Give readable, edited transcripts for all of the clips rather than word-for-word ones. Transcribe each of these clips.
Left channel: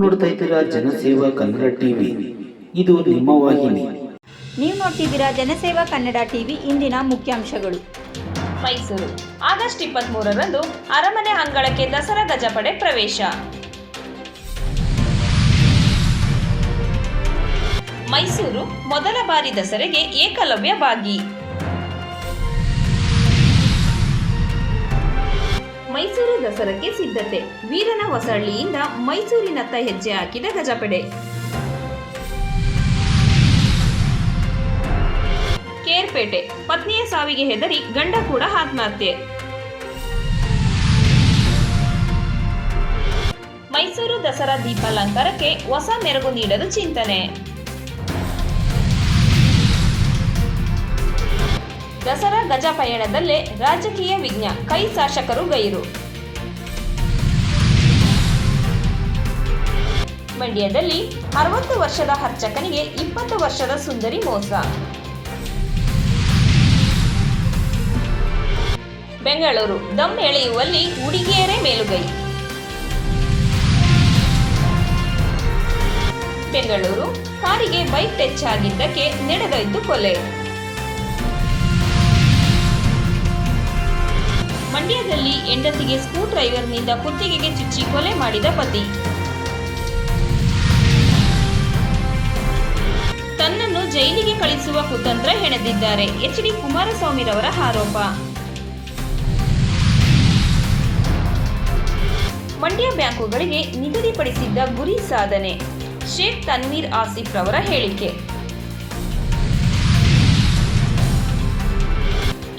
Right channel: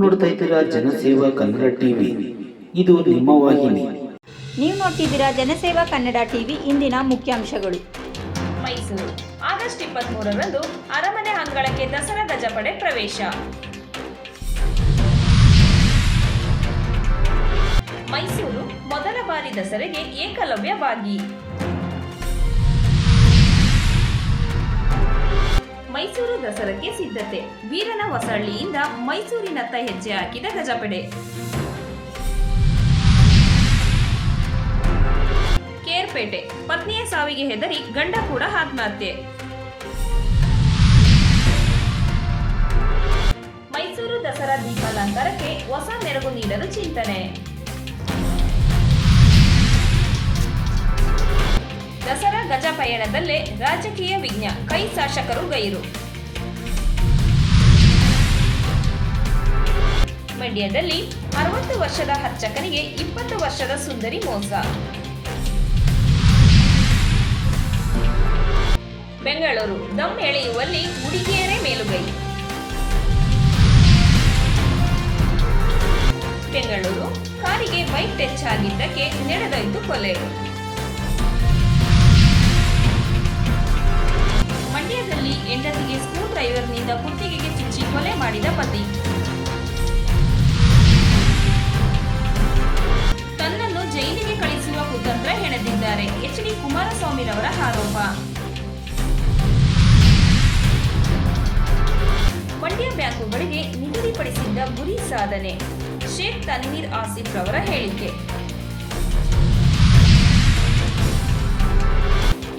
ನೋಡ್ತಾ ಇದ್ದೀರಾ ಜನಸೇವಾ ಕನ್ನಡ ಟಿವಿ. ಇದು ನಿಮ್ಮ ವಾಹಿನಿ. ನೀವು ನೋಡ್ತಿದ್ದೀರಾ ಜನಸೇವಾ ಕನ್ನಡ ಟಿವಿ. ಇಂದಿನ ಮುಖ್ಯಾಂಶಗಳು. ಮೈಸೂರು ಆಗಸ್ಟ್ 23ರಂದು ಅರಮನೆ ಅಂಗಳಕ್ಕೆ ದಸರಾ ಗಜಪಡೆ ಪ್ರವೇಶ. ಮೈಸೂರು ಮೊದಲ ಬಾರಿ ದಸರೆಗೆ ಏಕಲವ್ಯ ಭಾಗಿ. ಮೈಸೂರು ದಸರಾಕ್ಕೆ ಸಿದ್ಧತೆ. ವೀರನ ಹೊಸಳ್ಳಿಯಿಂದ ಮೈಸೂರಿನತ್ತ ಹೆಜ್ಜೆ ಹಾಕಿದ ಗಜಪಡೆ. ಕೇರ್ಪೇಟೆ ಪತ್ನಿಯ ಸಾವಿಗೆ ಹೆದರಿ ಗಂಡ ಕೂಡ ಆತ್ಮಹತ್ಯೆ. ಮೈಸೂರು ದಸರಾ ದೀಪಾಲಂಕಾರಕ್ಕೆ ಹೊಸ ಮೆರುಗು ನೀಡಲು ಚಿಂತನೆ. ದಸರಾ ಗಜ ಪಯಣದಲ್ಲೇ ರಾಜಕೀಯ ವಿಘ್ನ, ಕೈ ಶಾಸಕರು ಗೈರು. ಮಂಡ್ಯದಲ್ಲಿ 60 ವರ್ಷದ ಅರ್ಚಕನಿಗೆ 20 ವರ್ಷದ ಸುಂದರಿ ಮೋಸ. ಬೆಂಗಳೂರು ದಮ್ ಎಳೆಯುವಲ್ಲಿ ಹುಡುಗಿಯರೇ ಮೇಲುಗೈ. ಬೆಂಗಳೂರು ಕಾರಿಗೆ ಬೈಕ್ ಟಚ್ ಆಗಿದ್ದಕ್ಕೆ ನಡೆದೋಯ್ತು ಕೊಲೆ. ಮಂಡ್ಯದಲ್ಲಿ ಹೆಂಡತಿಗೆ ಸ್ಕ್ರೂ ಡ್ರೈವರ್ನಿಂದ ಕುತ್ತಿಗೆಗೆ ಚುಚ್ಚಿ ಕೊಲೆ ಮಾಡಿದ ಪತಿ. ತನ್ನನ್ನು ಜೈಲಿಗೆ ಕಳಿಸುವ ಕುತಂತ್ರ ಹೆಣೆದಿದ್ದಾರೆ ಎಚ್ ಡಿ ಕುಮಾರಸ್ವಾಮಿರವರ ಆರೋಪ. ಮಂಡ್ಯ ಬ್ಯಾಂಕುಗಳಿಗೆ ನಿಗದಿಪಡಿಸಿದ್ದ ಗುರಿ ಸಾಧನೆ, ಶೇಖ್ ತನ್ವೀರ್ ಆಸಿಫ್ ರವರ ಹೇಳಿಕೆ.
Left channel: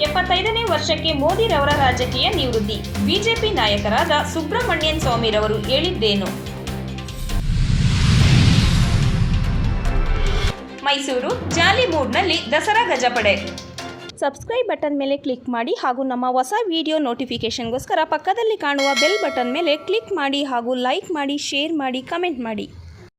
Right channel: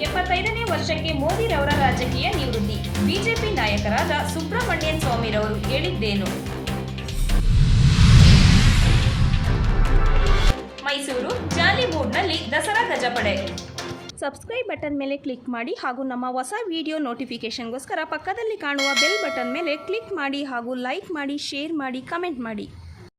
75ನೇ ವರ್ಷಕ್ಕೆ ಮೋದಿರವರ ರಾಜಕೀಯ ನಿವೃತ್ತಿ, ಬಿಜೆಪಿ ನಾಯಕರಾದ ಸುಬ್ರಹ್ಮಣ್ಯನ್ ಸ್ವಾಮಿರವರು ಹೇಳಿದ್ದೇನು? ಮೈಸೂರು ಜಾಲಿ ಮೂಡ್ನಲ್ಲಿ ದಸರಾ ಗಜಪಡೆ. ಸಬ್ಸ್ಕ್ರೈಬ್ ಬಟನ್ ಮೇಲೆ ಕ್ಲಿಕ್ ಮಾಡಿ ಹಾಗೂ ನಮ್ಮ ಹೊಸ ವಿಡಿಯೋ ನೋಟಿಫಿಕೇಷನ್ಗೋಸ್ಕರ ಪಕ್ಕದಲ್ಲಿ ಕಾಣುವ ಬೆಲ್ ಬಟನ್ ಮೇಲೆ ಕ್ಲಿಕ್ ಮಾಡಿ ಹಾಗೂ ಲೈಕ್ ಮಾಡಿ, ಶೇರ್ ಮಾಡಿ, ಕಮೆಂಟ್ ಮಾಡಿ.